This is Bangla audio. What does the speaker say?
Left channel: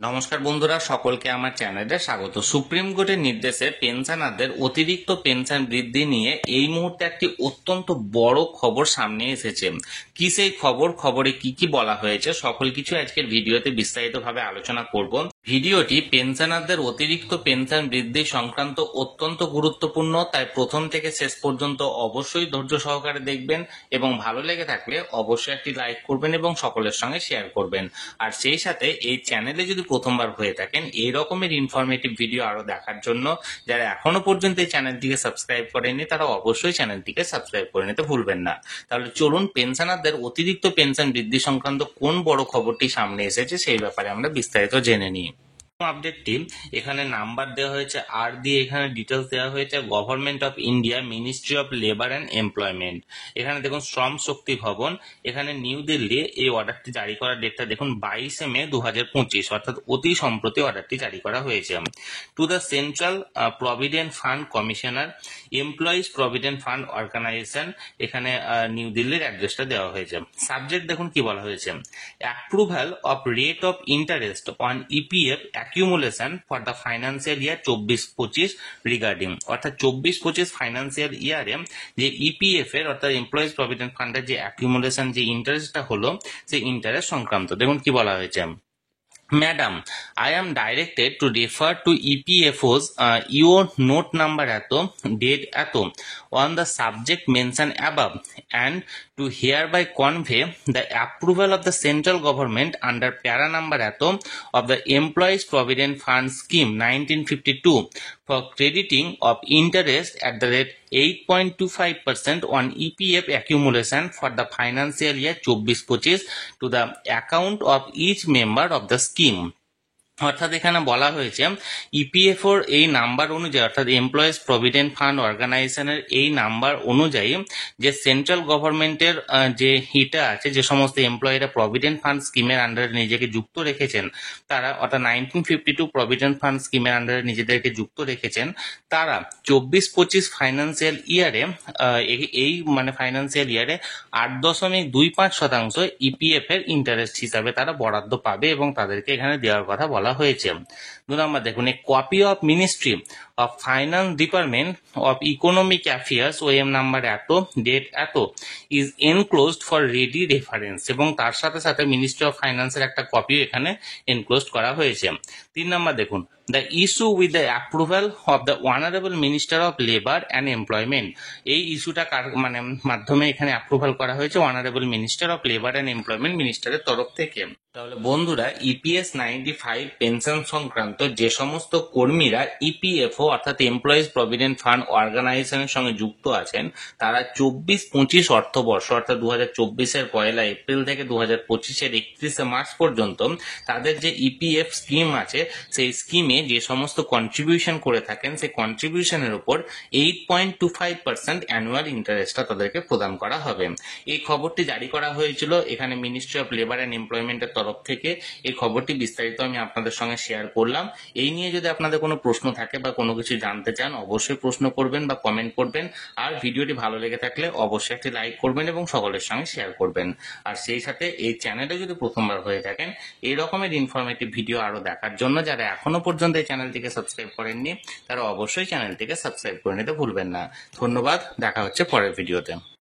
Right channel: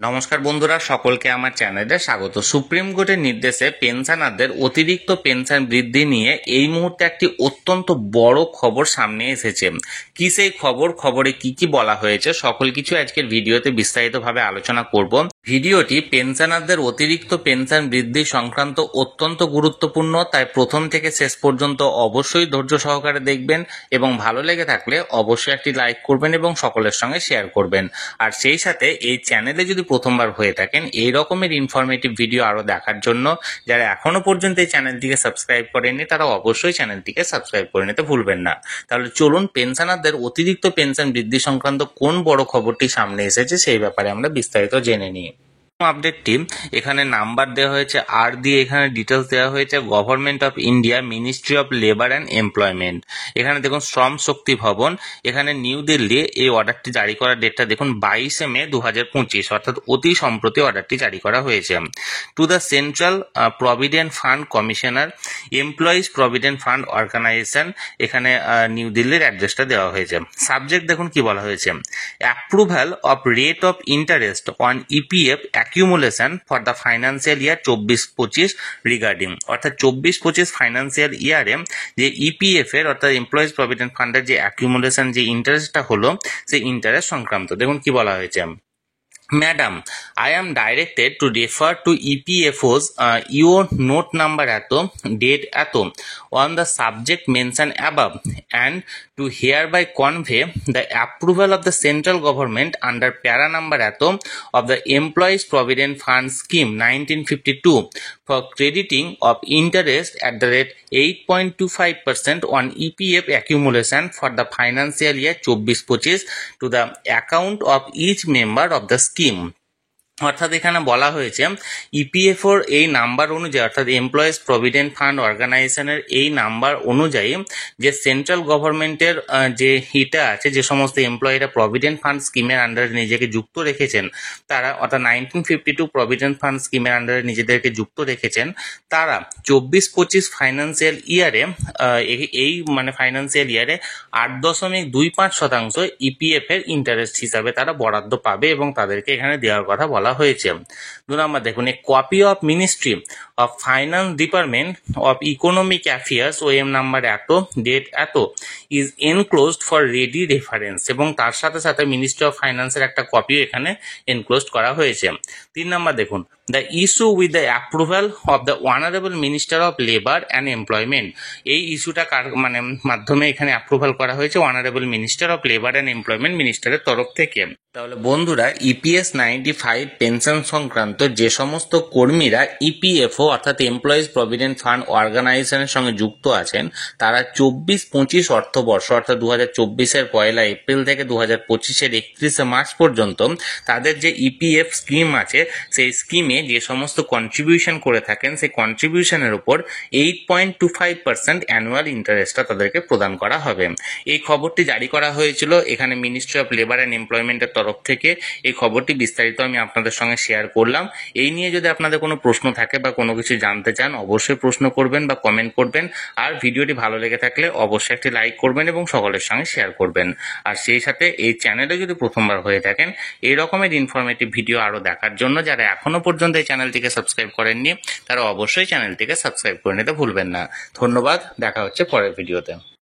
নমস্কার বন্ধুরা, সকলকে আমার চ্যানেলে স্বাগত। সুপ্রিম কোর্টের নির্দেশে পেনশনারদের অতিরিক্ত পেনশন বৃদ্ধি নিয়ে এই মুহূর্তে একটি অত্যন্ত বড় খবর সামনে এসেছে। কি সেই খবরে কি কি বলা হয়েছে সকল কিছু আজকের ভিডিওতে বিস্তারিতভাবে আলোচনা করব। ভিডিওটি পেনশনারদের অতিরিক্ত পেনশন বৃদ্ধি সংক্রান্ত অত্যন্ত গুরুত্বপূর্ণ, তাই প্রথম থেকে শেষ পর্যন্ত অবশ্যই ধৈর্য সহকারে দেখবেন এবং ভালো লেগে থাকলে অবশ্যই একটি লাইক করবেন এবং সকলের সঙ্গে শেয়ার করবেন। আর সেই সাথে এই চ্যানেলে যদি প্রথমবার হয়ে থাকেন এই রকমের ইনফরমেটিভ ভিডিও আরো দেখার জন্য যারা এখনো পর্যন্ত এই চ্যানেলটিকে সাবস্ক্রাইব করেননি তারা অবশ্যই চ্যানেলটিকে সাবস্ক্রাইব করে নিতে ভুলবেন না। তাহলে চলুন পেনশনারদের অতিরিক্ত পেনশন বৃদ্ধি সংক্রান্ত কোন বড় খবরটি সামনে এসেছে সেই ব্যাপারে আমরা বিস্তারিত জেনে নিই। আপডেটটি এখানে নাম্বার দেওয়া হয়েছে, আর দিয়ে এখানে ডিটেলস দেওয়া হয়েছে government of India, ministry of labour and employment. এখানে দেখুন শ্রম শক্তি ভবন, এখানে নিউ দিল্লি এই অর্ডারটি জারি করার ডেটটা দেখুন 22 মে 2025, অর্থাৎ অতি সম্প্রতি অর্ডারটি জারি করা হয়েছে। To the central provident fund commissioner, employees provident fund organisation, এখানে নিউ দিল্লির অ্যাড্রেসটা দেওয়া হয়েছে। সাবজেক্ট দেখুন কি বলা হয়েছে, approval of rate of interest on EPF accumulation for the financial year 24-25 regarding, অর্থাৎ 24-25 ফাইন্যান্সিয়াল ইয়ারে যে ইপিএফ এর অর্থাৎ এমপ্লয়িজ প্রভিডেন্ট ফান্ডের যে অ্যাকিউমুলেশন যে ইন্টারেস্টটা হলো সেই ইন্টারেস্ট সংক্রান্ত। দেখুন কি বলা হয়েছে, Madam, I am directed to refer to EPFO's your note number date on the subject mentioned above and to hereby convey the approval of the central government under para number of the Employees Provident Fund Scheme 1952 for crediting of interest at the rate 8.25% on EPF accumulation for the financial year 24-25 to the account of each member of the scheme। অর্থাৎ এখানে বলা হয়েছে ইপিএফওর এই নাম্বার অনুযায়ী, অর্থাৎ এমপ্লয়িজ প্রভিডেন্ট ফান্ড অর্গানাইজেশনের এই নাম্বার অনুযায়ী যে সেন্ট্রাল গভর্নমেন্টের যে হিটা আছে, যে সমস্ত এমপ্লয়িরা প্রভিডেন্ট ফান্ড স্কিমের আন্ডারে নিজেকে যুক্ত রেখেছেন তারা, অর্থাৎ 1952 প্রভিডেন্ট ফান্ড স্কিমের আন্ডারে নিজেদেরকে যুক্ত রেখেছেন তারা 24-25 ফাইন্যান্সিয়াল ইয়ারে এই মানে ফাইন্যান্সিয়াল ইয়ারে 8.25% ইপিএফ এর ইন্টারেস্ট হিসাবে তারা বরাদ্দ পাবে এবং তাদেরকে এখানে দেওয়ার কথা বলা হয়েছে। 2 নম্বর দেখুন, a copy of ministry of finance department of economic affairs OM number date is enclosed for ready reference, এবং তার সাথে সাথে মিনিস্ট্রি অফ ফাইন্যান্সের একটা কপিও এখানে এনক্লোজড করা হয়েছে। 3 নম্বর দেখুন, the issue with the approval of the honourable minister of labour and employment, এই ইস্যুটা কার মানে মাধ্যমে এখানে অ্যাপ্রুভাল করা হয়েছে, honourable minister of labour and employment মিনিস্টারের তরফ থেকে। তাহলে বন্ধুরা, ইপিএস 95 পেনশন সংক্রান্ত যে সমস্ত কর্মীরা ইপিএফও অর্থাৎ এমপ্লয়িজ প্রভিডেন্ট ফান্ড অর্গানাইজেশনের সঙ্গে যুক্ত আছেন তারা 24-25 অর্থবর্ষ অর্থাৎ 2024-এর 1 এপ্রিল থেকে 2025-এর 31 মার্চ পর্যন্ত তাদের যে ইপিএফ স্কিম আছে সেই স্কিমে যে সমস্ত কন্ট্রিবিউশন করে থাকেন সেই কন্ট্রিবিউশনের উপর 8.25% অ্যানুয়াল ইন্টারেস্টটা তাদেরকে প্রদান করা হবে। এই খবরটি জারি করা হয়েছিল এখানে মিনিস্ট্রি অফ লেবার অ্যান্ড এমপ্লয়মেন্টের তরফ থেকে। এই খবরটি বিস্তারিত আমি আপনাদের সঙ্গে শেয়ার করলাম। এই নিয়ে যদি আপনাদের কোনো প্রশ্ন থাকে বা কোনো কিছু জানতে চান অবশ্যই প্রশ্ন করবেন বা কমেন্ট করবেন। আর ভিডিওটি ভালো লেগে থাকলে অবশ্যই একটি লাইক করবেন এবং সকলের সঙ্গে শেয়ার করবেন। আর সেই সাথে এই চ্যানেলে যদি প্রথমবার হয়ে থাকেন এই রকমের ইনফরমেটিভ ভিডিও আরো দেখার জন্য যারা এখনো পর্যন্ত এই চ্যানেলটিকে সাবস্ক্রাইব করেননি তারা অবশ্যই চ্যানেলটিকে সাবস্ক্রাইব করে নিতে ভুলবেন না। ধন্যবাদ, দেখা হচ্ছে পরের ভিডিওতে।